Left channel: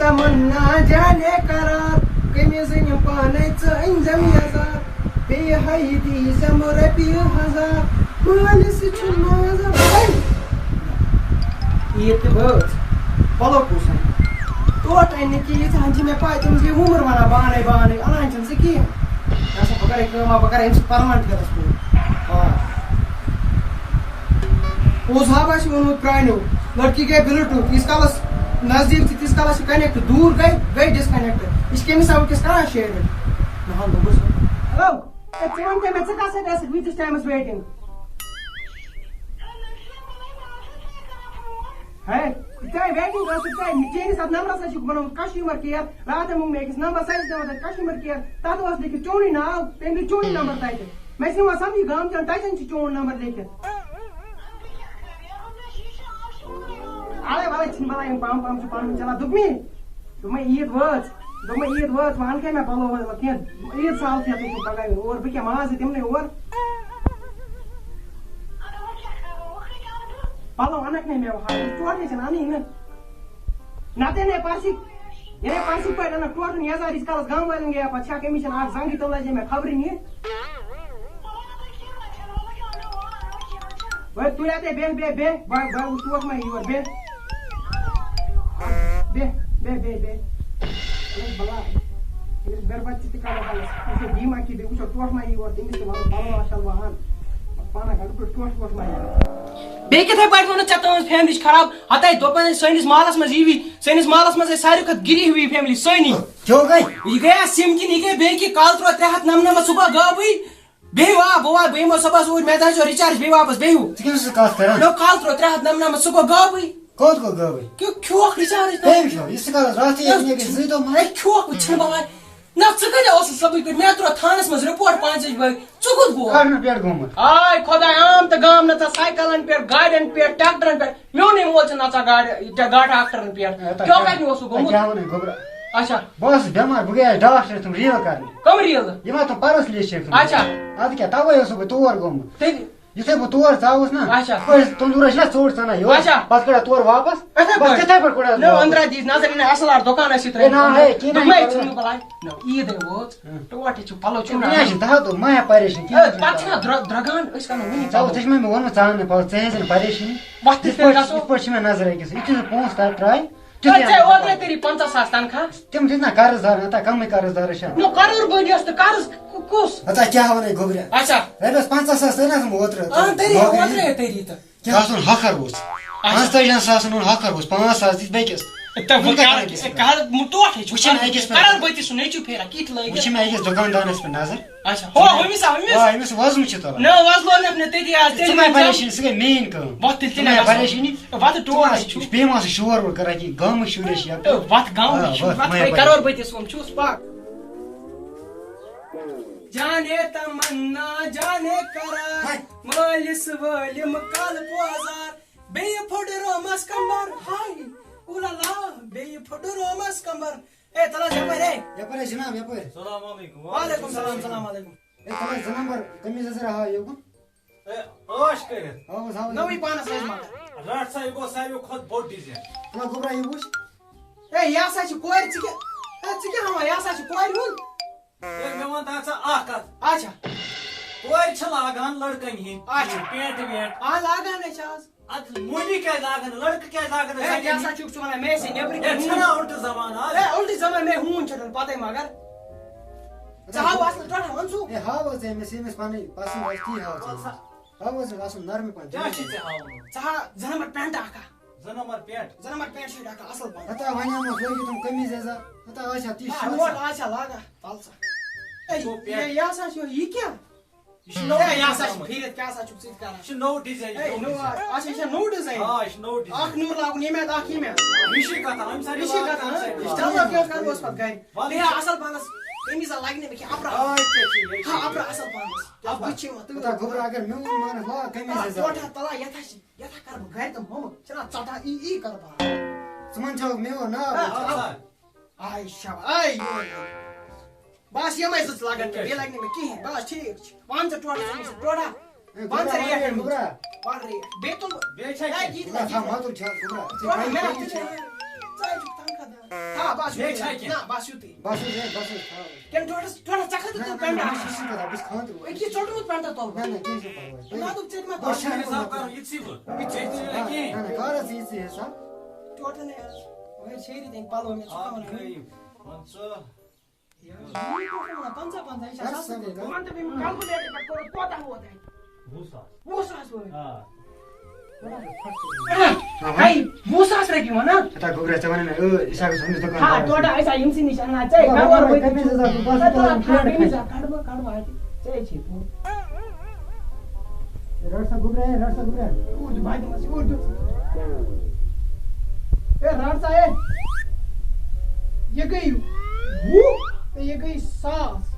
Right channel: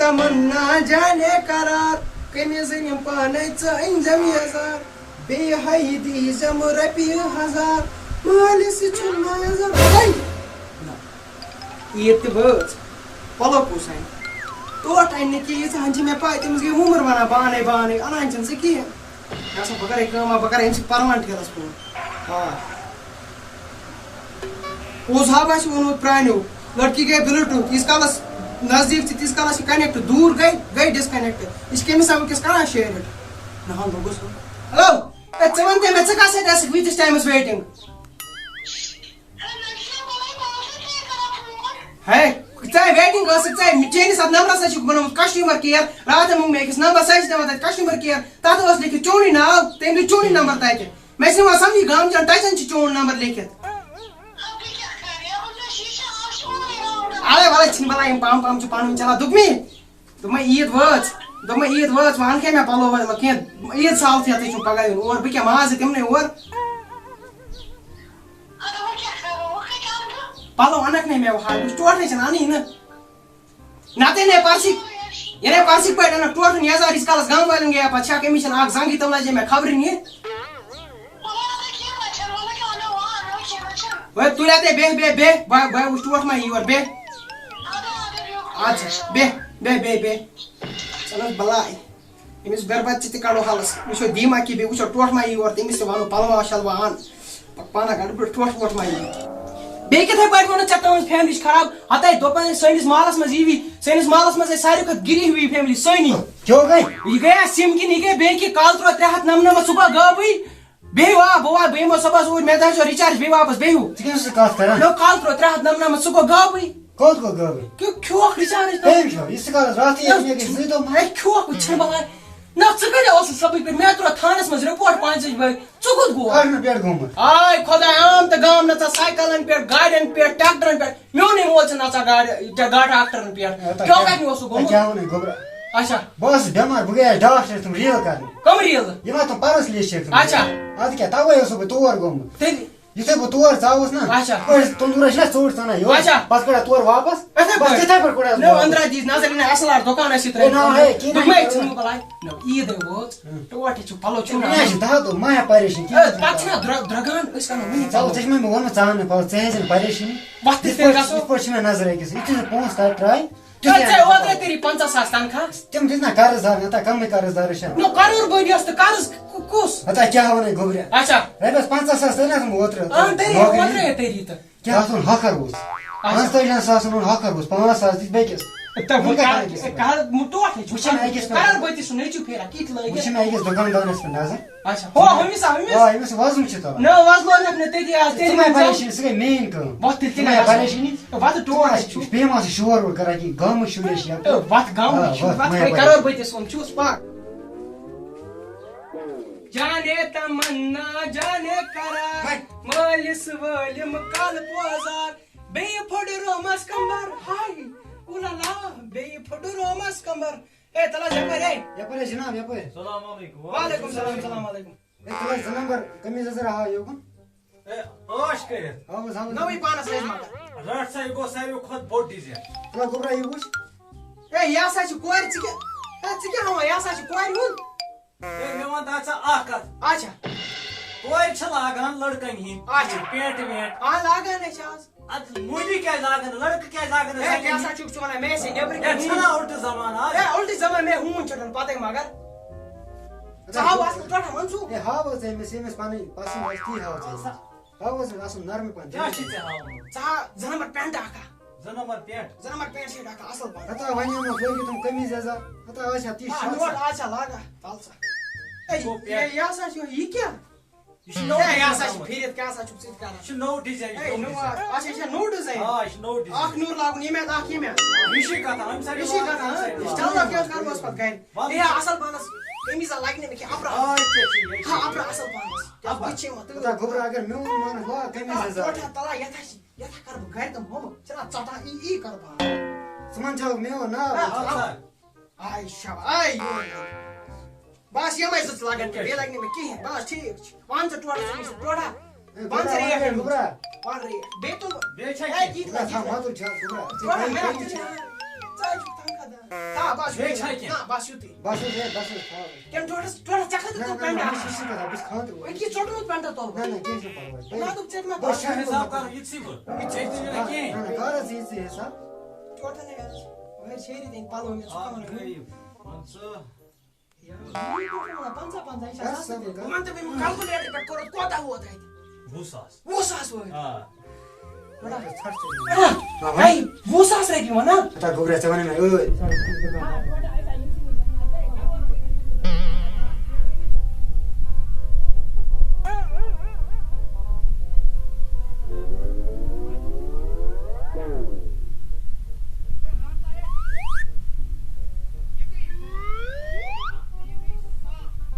تمنا جانے قرار قمیضن پانچ انجم یزار بی حیدی زم رپی ہزار مالس نظر عید تہ بٲژ پلو کُس انہِ ٹوٹ انہِ نہٕ کِہیٖنۍ ژٕ ہن چھِ مےٚ پاے تٔمِس گٔے وُمر ونان بانے بانے انان چھنہٕ ژٕ کِہیٖنۍ مےٚ سا بہٕ کرے کٲما بہٕ کرے أمۍ سۭتۍ پرمان ٹھیلس فون پوٚز ہا آسہِ ووٚنمُت پرٛانیو لڑکی گٔے بِلٹوٗتھ تیٖتِس کالس نزدیٖک چھِ تیٖتِس کالس چھِ کنیکٹ دوٗر گٔے ڈسکنیکٹ یہِ چھِ کٔمِس وٕنکیٚس کران شیر نہ لوٚگُس ہلو ژٕ وَن تہِ مےٚ ژٕ کتھ سۭتۍ ٲسٕکھ ویٖتِس ٹایمس ویٹِنگ ہے ژےٚ ویٹِنگ ٲسٕکھ ژےٚ چٲنِس اتھ نمبرس حظ چھُکھ بنومُت کسٹمر کِیر راتھ موٚنگ مےٚ أکِس نمبر سُہ چھِ دِوان تتہِ کسٹمر کِیر تتھ اوس لیکھِتھ چونٕے ناو تٔمۍ دیُت چونٕے نمبر تتہِ مےٚ چھِ یِوان سمجھی گامچن ٹچن چھِ چون نمبر لیکھِتھ اے وَلے چھِنہٕ بلاے یِم پم چھِ پانہٕ ؤنۍ چلان دوٚپمے عید وٲژ وۄنۍ اَن کھے مےٚ پلو کینٛہہ عید سالتھٕے چھُم پگاہ یُن اور بہٕ کیٛاہ مازٕ تِمنٕے اور پلو انکھ نے مےٚ وۄنۍ ٹوٹھٕے چھِنہٕ اَنٕے نہٕ نتہٕ اَنے پرسٕکۍ پٲٹھۍ انکھ ٹوٹھن یزار ییٖتِس کالس گامہٕ والٮ۪ن گٔیے پتہٕ چھکھ أمِس چھنہٕ اکھ زنگٕے تِم لجے مےٚ خبرٕنۍ یہِ تُلۍ اتے بیٚہہ بہٕ وٕچھ ٹوٹھ ما یی یور بیٚہہ اچھا بیٚہہ چلو بلاے أمِس گربت تہِ کڑو حلس وٕچھو دیٖما کہِ بیٚیہِ وٕچھو ٹوٹھ ما یی یور تٔمِس تہِ وَنو پلوا شلوا ان پانہ گڈٕ پٲٹھۍ ٹوٹھ ما یی بیٚیہِ کِتھے پٲٹھۍ ووٚنُتھ ژےٚ تُہٕنٛز فیملی چھِ خراب ہتاے دوٚپن سٲنِس محلس منٛز یی سٲنِس محلس منٛز ٲسۍ ساروی کھۄتہٕ گِری ہوی فیملی سٲنی یہِ گٔیا سِم کِنۍ یہِ گٔے بیٚیہِ کہِ کال ترٛوو 399 سُہ گوٚو غٲبٕے بیٚیہِ بہٕ یِمو صبحس اوٗرۍ مےٚ تھٲیزیو رِچارٕج بیٚیہِ واپس بیٚیہِ کال ترٛوو 399 سُہ گوٚو غٲبٕے کھیوکھ رِچارٕج کھیوکھ چھِنہٕ بلاے نہ ژٕ کتہِ اوسُکھ صبحٕکۍ پٲٹھۍ مےٚ ترٛوو تھانس منٛز رِپورٹ 5 بجہِ ژٕ کوٚت گوٚو آے خۄداے عام تہٕ گام نژان سایکلن پٮ۪ٹھ گاڑٮ۪ن پٮ۪ٹھ ٹریکٹرن پٮ۪ٹھ میونٕے مول چھُ نژان گاڑِ ٹریکٹرن پٮ۪ٹھ کیٛاہ کتہِ اوسُکھ گوٚمُت اچھا بہٕ اوسُس بٮ۪مار بہٕ گٔیاس ڈاکٹرس تِم ریل کرنہِ کم ریٖلہٕ یِم ہا تِم پرُس لیچھ اچھا ادٕ کیٛاہ تَوے اوسُس بہٕ تور گوٚمُت تیٚلہِ یُتھُے بہٕ تور ژاوُس نا اچھا تندوٗرس چھِنا ژوٚٹ ژھنان یورٕ پتہٕ کڑان تورٕ واپس تِتھے بس تِتھے پٲٹھۍ کوٚڑ أنٛدرا دِژ نظر یہِ اصل آر دُکانس سۭتۍ دوٚپمے ژھٕنو بلاے عیٖدے وٲژ ٹوٹھ چھُ پلو چھُ دہ دۄہ ما ہےٚ پریشٲنی پتہٕ چھُنا درٛگان أسۍ کرو وٕنی ژٕ چھِ مےٚ ووٚنمُت ژٕ اَن پَلو ژٕ ہیزِ نہٕ پریشٲنی وقت یِتھ پٲٹھۍ چھِ مےٚ نظر أکِس یُتھُے ژٕ پونٛسہٕ ترٛاے اوترے کٔری 50,000 تنخواہ تِم دِتۍ نا قرض دار نتہٕ کمٕے قرض دارس چھا کرور بٔدی ٲس تہٕ قرض کُس ہتا کیٛاہ ونے گوٚبریا اچھا رۄپیس 50,000 تٔرۍ نہ اوترے تٔری تہٕ کیٛاہ اوس اوٚن ہۄکھر اوس 45 ساسن اوٚن ہۄکھر اوس 5,000 دِتۍ بیٚکِس وٕچھ مےٚ أکِس دُکاندارس پٮ۪ٹھ نظر أمِس وزن چھُ تلان ژٕ ما پریشٲنی سُہ گٔے میٲنۍ کٲم پریشٲنی بیٚیہِ ما سُہ شور وور کران کینٛہہ گامٕکۍ شُرۍ ٲسۍ جانے تمنا جانے قرار مٲلِس وٲلِم کل پوزار بیٚیہِ پھُٹ رومس کمبر ہاے اوٗلالا بیٚیہِ پھُٹ رومس کمبر اے تلس یپٲرۍ جناب یپٲرۍ السلام علیکم وعلیکم سلام سلام علیکم تلس 2 نمبر قمیٖض ذرا ہاو یوکُن ٲش کٔرِتھ نوٕے پانس ٲسۍ مگر رٹ سا یہِ گوٚو ساروی کھۄتہٕ بوٚڑ ڈِزاین گوبرا یہِ وٕچھ اے یہِ ہسا چھِ کورِ ژٕ کیٛاہ ہاوان یہِ ہسا چھِ کورِ ہُنٛد مےٚ وَن تہٕ ژٕ اکھ کتھ اچھا کورِ چھِ لاگان لڑکن ہِنٛدۍ پینٹ وینٹ لاگان ہے چھِ آز ادٕ مولی کیٛازِ لاگان لڑکہٕ کیٛازِ لاگان یہِ ہسا چھُکھ ژٕ ونان مےٚ ٲسۍ نیبرٕ چھُنا اُلٹہٕ زمان آز اُلٹی زمان مےٚ ہوٗن چھُنہٕ پتے مگر ژٕ ہاو اصل ٹوٹھا منصوٗب اے ہاو حظ أمِس ییٚمِس پنٕنۍ پسنٛد آسہِ تی ہاو ژٕ ہاو حظ اصل نرمٕے پہن کیٛاہ چھُے ژےٚ ہاوُن ژٕ ہاو 2 نمبر پینٹ اکھا 2 number paint 2 number paint sheet اکھا اصل پہن ہتا ونیٛومَس لٲگِتھ تِم قمیٖض یزار ہتا آسہِ ہا تی نوٹ آسیا لاگان تل سا یہِ ہسا چھُ یہِ کیٛاہ یہِ چھُ نوٚو یہِ ہسا چھُ پھیٖرِتھ کیٛاہ ہسا چھُکھ ژٕ کران یہِ چھُ نوٚو ڈِزاین اچھا یہِ چھا نوٚو ڈِزاین آ یہِ چھُ نوٚو ڈِزاین اکھ نوٗر لاگُن ییٚمہِ اَتھ اکھ ییٚمہِ اَتھ رِشی کتھ أمۍ سایڈٕ چلو کیٛاہ کرہوس پتہٕ گرِ ہے اصل پہنس قمیٖضا لگہِ نہٕ مےٚ کینٛہہ اپرا اصل پہنس بہٕ چھِ یِوان ہتا گوبرا اگر میون مانس لاگ قمیٖض یزار تلا یتھا کرٕ بہٕ گرِ تہٕ موٚمہٕ چھِنا ژٹان ای کرٕ بہٕ ژٕ ون چھَکھ میون ناو آے شاباش آے بس یِمے زٕ لگن بیٚیہِ لگہِ نہٕ مےٚ کِہیٖنۍ بس ٹھیٖک چھُ وَن ژٕ ٹوٹا وَن ژٕ ریٹ گوبرا وَن ریٹ بیٚیہِ تُل بیٚیہِ چھا تھاو مَدُر چھا گوبرا ژٕ چھُکھ تنخواہ دار ہاں بس بیٚیہِ چھا کینٛہہ؟ نا بس یُتُے بس کیٚم ٹوٹس ژےٚ کھٔژٕتھ پٮ۪نٛٹ أکی ژوٚٹمُت پٮ۪نٛٹا تُل نا دوٚپ ژےٚ مےٚ بس حساب کرو یِتسٕے بہٕ ژےٚ تہِ نہٕ کینٛہہ ٹوٹل وۄنۍ شیری دِنۍ پَلو مےٚ ژٕ کَمن پنٛژاہ پنٛژاہ یہِ چھا سَستہٕ تہِ مان ژٕ بیٚیہِ کلکُلیٹر پٮ۪ٹھ کوٚرُتھ کوتاہ ووت اَتہِ 20,000 20,000 وٲتۍ آ ہے 20,000 رۄپیہِ وَنان گوبرا ژٕ وَنٕے مےٚ ہا ٹوٹل أسۍ آے یِمسٕے نِش اَنان ژےٚ گَوَر ژےٚ چھِ رٹ سا یہ گئی 20 یہ گئی 100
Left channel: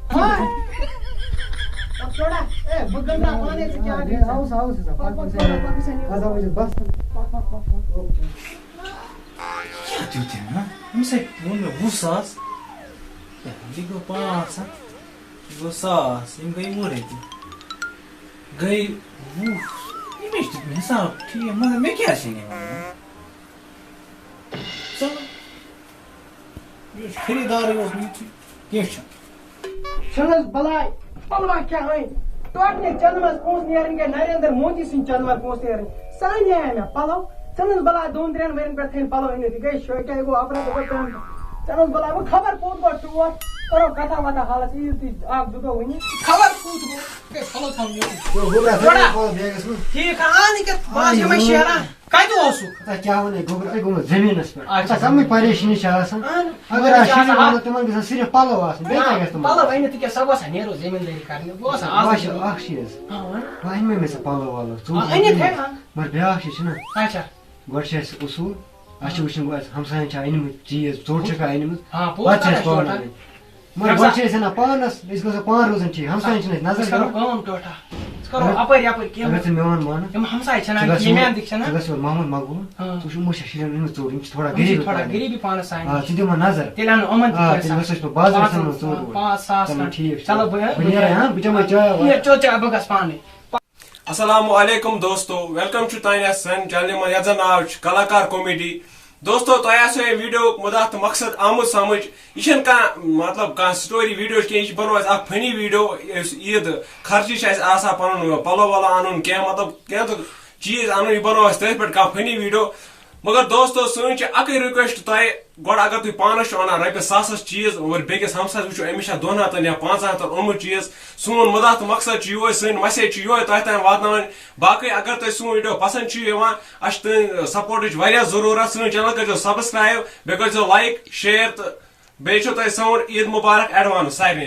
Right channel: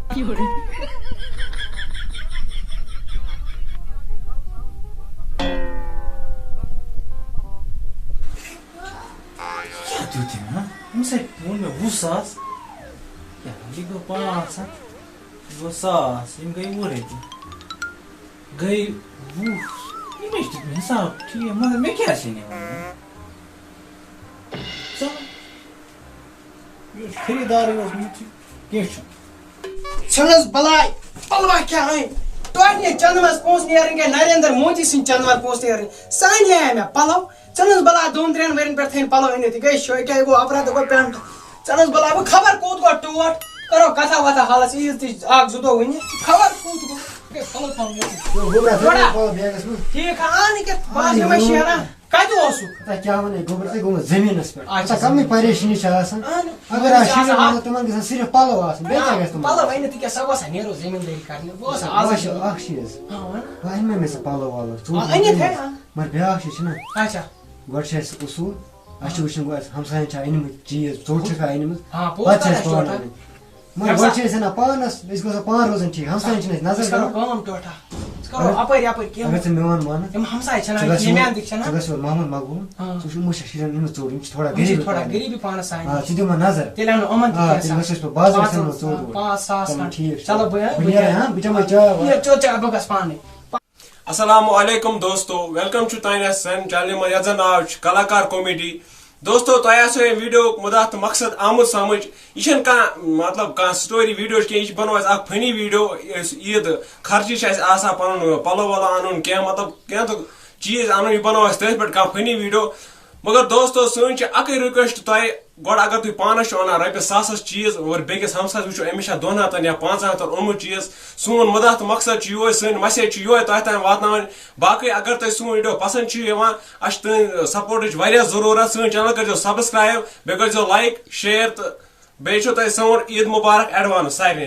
أمِس ہے ووٚن مےٚ 20,000 یہِ گوٚو 500 یہِ گوٚو 1,000 یِم گٔے 20 رۄپیہِ گٔے 20 ییٚمِس دیُت مےٚ حساب ٹھیٖک مگر مےٚ کیٛاہ چھِ نِوان چلو یہِ اوس خریٖدارٕے اوس یِتھُے کینٛہہ چھُنہٕ چھَنہٕ بلاے پلوا کیٛاہ أنۍ ٹوٹنہِ چندٕ منٛز پونٛسہٕ نیرٕنۍ گٔے نریندر مودی سٕنٛدۍ چندٕ منٛز پونٛسہٕ نیرٕنۍ سانہِ آے مےٚ پلو ژھٕنُس بلاے 2-3 ؤرین پٮ۪ٹھ تھٲیِن پلو أنِتھ یہِ گٔے شوقیا یہِ گوٚو اپرا تہٕ گوٚو پٮ۪نٛٹ ژھٕنُس بلاے وۄنۍ خبر کوٚت گوٚو ٹوٹھ کرو کتھا وتھا حالس عیٖز تہِ 1-2 دۄہ وٕنہِ خبر کوٚت گوٚو گٔے پلو تھاوُن ییٚتہِ ٹھیٖک آ نہٕ کیٛاہ بہٕ یِمے شیران کتہِ اوسُکھ کیٛاہ وَنے گوبرا گوٚمُت زٔمیٖنس پٮ۪ٹھ کمٕے پریشٲنی چھِ آسان اگر تِمن گژھن صرف پلو آسٕنۍ بیٚیہِ کیٛاہ گژھِ پلو أنِتھ کیٛاہ سۄ گوٚژھا نیرو زٔمیٖندٲری کرنہِ بہٕ اوسا آز اکھ چیٖز وۄنۍ أنۍ مےٚ سُہ پلو وَلو أنِتھ ہے مگر بیٛاکھ چیٖز چھُنا اچھا گۄڈٕ چھِ اَسہِ اصوٗل اَسہِ چھُ وٕچھُن گۄڈٕ ہمساین چھا أنمٕتۍ چیٖز ژوٚٹ چھکھا أنمٕژ پتہٕ چھِ اَسہِ پانہٕ اَنٕنۍ مگر گۄڈٕ چھِ أسۍ اَنان پانس أسۍ گژھو پانہٕ روزُن ٹھیٖک ہمساین چھِنہٕ اَسہِ نظر دِوان اپٲرۍ یپٲرۍ اگر ژٕ میون مانکھ یِم ہمساے چھِنہ ژٕ گژھ ییٚمہِ ژٕ گژھ یور محمد مقبوٗل ژٕ وٕچھ یِمو چھا شُرٮ۪ن أنمٕژ ژوٚٹ یِم چھِ تھوڑا غریٖبی پانس سانہِ ژٕ دِمہٕ نظر تیٚلہِ اَنو یِمن تیٚلہِ گژھو أسۍ پتہٕ بازرس منٛز ژوٚٹ ووٚٹ 5,000 چلو ٹھیٖک چھُ چلو بہٕ نیرے ہاں بہٕ چٮ۪مے چاے واے چاے بہٕ گژھٕ پانے السلام علیکم دوستو ویلکم ٹو تانیہ سن چینل منٛز یتھ زن ناو چھُ کلاکار کومیڈی دوستو تۄہہِ آسیو یہِ ویڈیو مُدا تہٕ مقصد آمُت سمجھ یہِ چھنہٕ کانٛہہ مطلب کانٛہہ سٹوری ویڈیو کینٛہہ یہِ چھُ بنوو اسہِ اکھ فنی ویڈیو یُس عیٖد خرچہِ چھِ اسہِ آسان پنُن پلو ولو انُن کینٛہہ مطلب کینٛہہ تہٕ چیٖز انُن یہِ بنوو اسہِ تٔتھۍ پٮ۪ٹھ کانٛہہ فنی ویڈیو مگر دوستو سٲنۍ چھِ اکٕے رِکویسٹ تۄہہِ گۄڈٕ اگر تُہۍ پانس چھِو انان رۄپیس 1,000 چیٖز اور بیٚکِس ہمسایس وٕچھو أمِس چھا 200 یا 500 اوٚنمُت چیٖز سون مُدا تہٕ مقصد چھُ یِہوے سٲنۍ مسیج چھِ یِہوے تۄہہِ تام واتناوٕنۍ باقٕے اگر تۄہہِ سون ویڈیو پسنٛد چھُ یِوان اسہِ چھِ تُہنٛدِ سپورٹٕچ واریاہ ضروٗرت سٲنۍ چینل کٔرزیٚو سبسکرایب بیٚیہِ کٔرزیٚو لایک شیر تہٕ بیٚیہِ چھُو تۄہہِ سون عیٖد مُبارک ایڈوانس سارنٕے